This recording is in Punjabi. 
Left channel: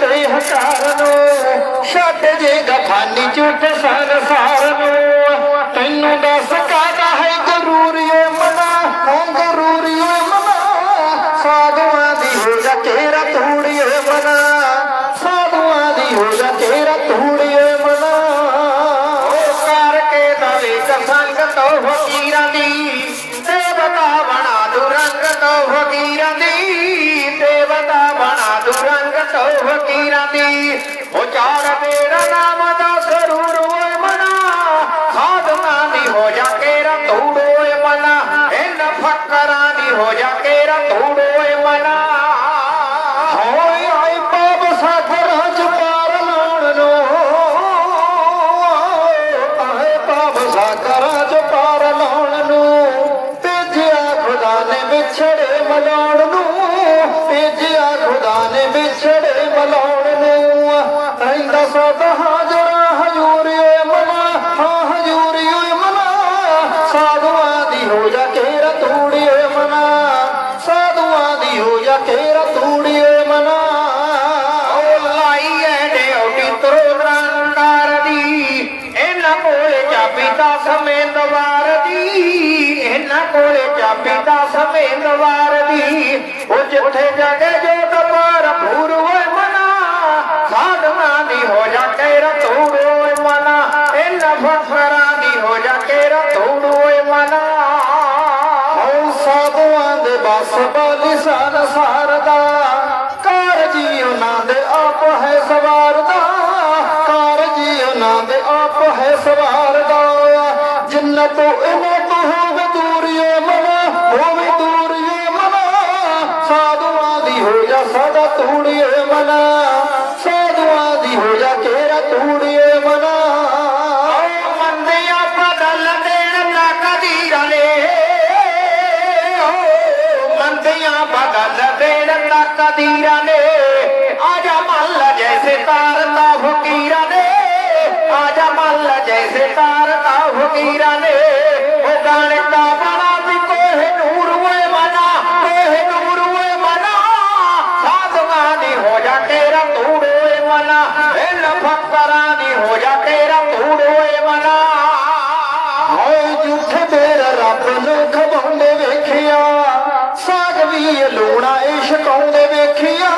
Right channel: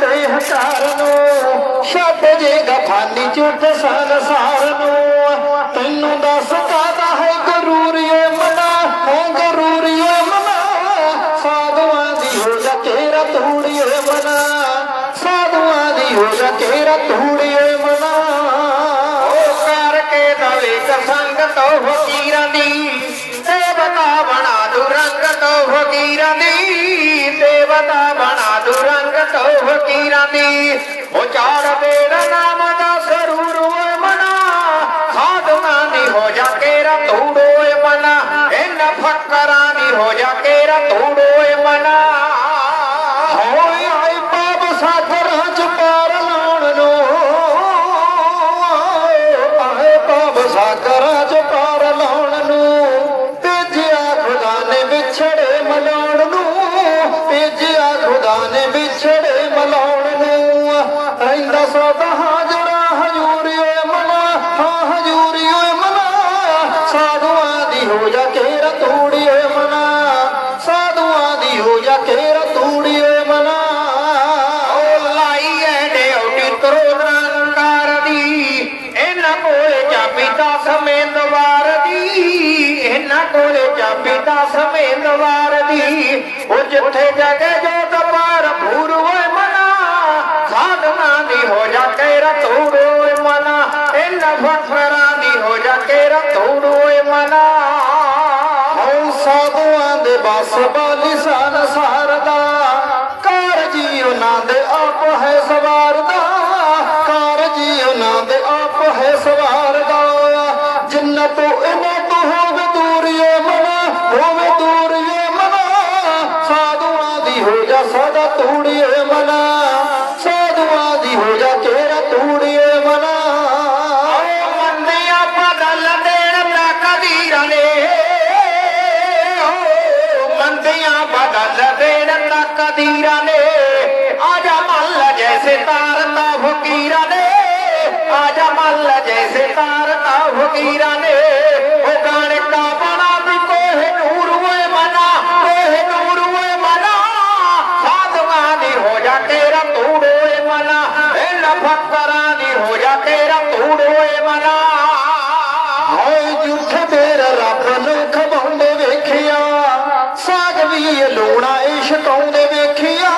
ਤੇ ਹਕਾਰ ਨੂੰ ਛੱਡ ਗਫਾਨੀ ਝੂਠ ਸੰਸਾਰ ਨੂੰ। ਤੈਨੂੰ ਦੱਸ ਕਾਦਾ ਹੈ ਜ਼ਰੂਰੀ ਮਨਾ? ਹੋ ਜ਼ਰੂਰੀ ਮਨਾ। ਸਾਧੂਆਂ ਦੀ ਹੋ ਜਾ ਤੇਰਾ ਤੂੜੀ ਏ ਮਨਾ। ਸਾਧੂਆਂ ਦੀ ਹੋ ਜਾ ਤੇਰਾ ਤੂੜੀ ਏ ਮਨਾ ਕਰਕੇ ਦਵੇ ਸੰਗ ਤੋਂ ਫਕੀਰਾਂ ਦੀ ਸਾਖਰਾਂ ਚ ਪਾਰ ਲਾਉਣ ਨੂੰ। ਆਏ ਬਾਬ ਸਾਖਰਾਂ ਚ ਪਾਰ ਲਾਉਣ ਨੂੰ। ਭੇਜਿਆ ਖੁਦਾ ਨੇ ਵਿਛੜੇ ਮਲਾਉਣ ਰਹਿੰਦਾ ਸਭ ਹਾਜ਼ਰਾ ਹਜੂਰੀ ਓਏ ਮਨਾ, ਹਾਂ ਹਜੂਰੀ ਓਏ ਮਨਾ। ਸਾਧੂਆਂ ਦੀ ਹੋ ਜਾ ਤੇਰਾ ਤੂੜੀ ਓਏ ਮਨਾ। ਸਾਧੂਆਂ ਦੀ ਹੋ ਜਾ ਤੇਰਾ ਤੂੜੀ ਓਏ ਮਨਾ। ਓ ਲਾਈ ਐ ਰੰਗਾਰ ਦੀ, ਇਹਨਾਂ ਕੋਲੇ ਚਾਬੀ ਦਾ ਸਮੇਂਦਵਾਰ ਦੀ। ਇਹਨਾਂ ਕੋਲੇ ਚਾਬੀ ਦਾ ਸਮੇਂਦਵਾਰ ਦੀ। ਉਹ ਜਿੱਥੇ ਜਗੇ ਜੋ ਸਾਧੂਆਂ ਦੇ ਸਾਰਦਾ। ਕਾਰ ਜੀ ਉਹਨਾਂ ਦੇ ਆਪ ਹੈ ਸਵਾਰਦਾ। ਕਾਰ ਜੀ ਉਹਨਾਂ ਦੇ ਆਪ ਹੈ ਸਵਾਰਦਾ। ਜਿੰਨਤ ਇਹਨੇ ਤੋਂ ਹੋਵੇ ਦੂਰੀਏ ਮਨਾ ਹੋਵੇ ਦੂਰੀਏ ਮਨਾ। ਸਾਧੂਆਂ ਦੀ ਹੋ ਜਾ ਸਦਾ ਤੂੜੀਏ ਆਜਾ ਮੱਲ ਜੈਸੇ ਤਾਰਤਾ ਫਕੀਰਾਂ ਨੇ ਉਹ ਗਾਣੇ ਕਾ ਵੀ ਕੋਹੇ ਨੂਰ ਓਏ ਮਨਾ ਕੋਹੇ ਨੂਰ ਓਏ ਮਨਾ ਸਾਧੂਆਂ ਦੀ ਹੋ ਜਾ ਤੇਰਾ ਤੂੜ ਮਨਾ ਇਹ ਲਫਕਰਾਂ ਦੀ ਹੋ ਜਾ ਤੇਰਾ ਤੂੜ ਮਨਾ ਹਾਏ ਝੂਠੇ ਮੇਰਾ ਰੱਬ ਨੂੰ ਖਵਾਉਂਦੇ ਵੇਖਿਆ ਸਾਗ ਵੀ ਲੂਣਾ ਇਸ਼ਕਾਉਂਦੇ ਵੇਖਿਆ ਵੇਖਿਆ।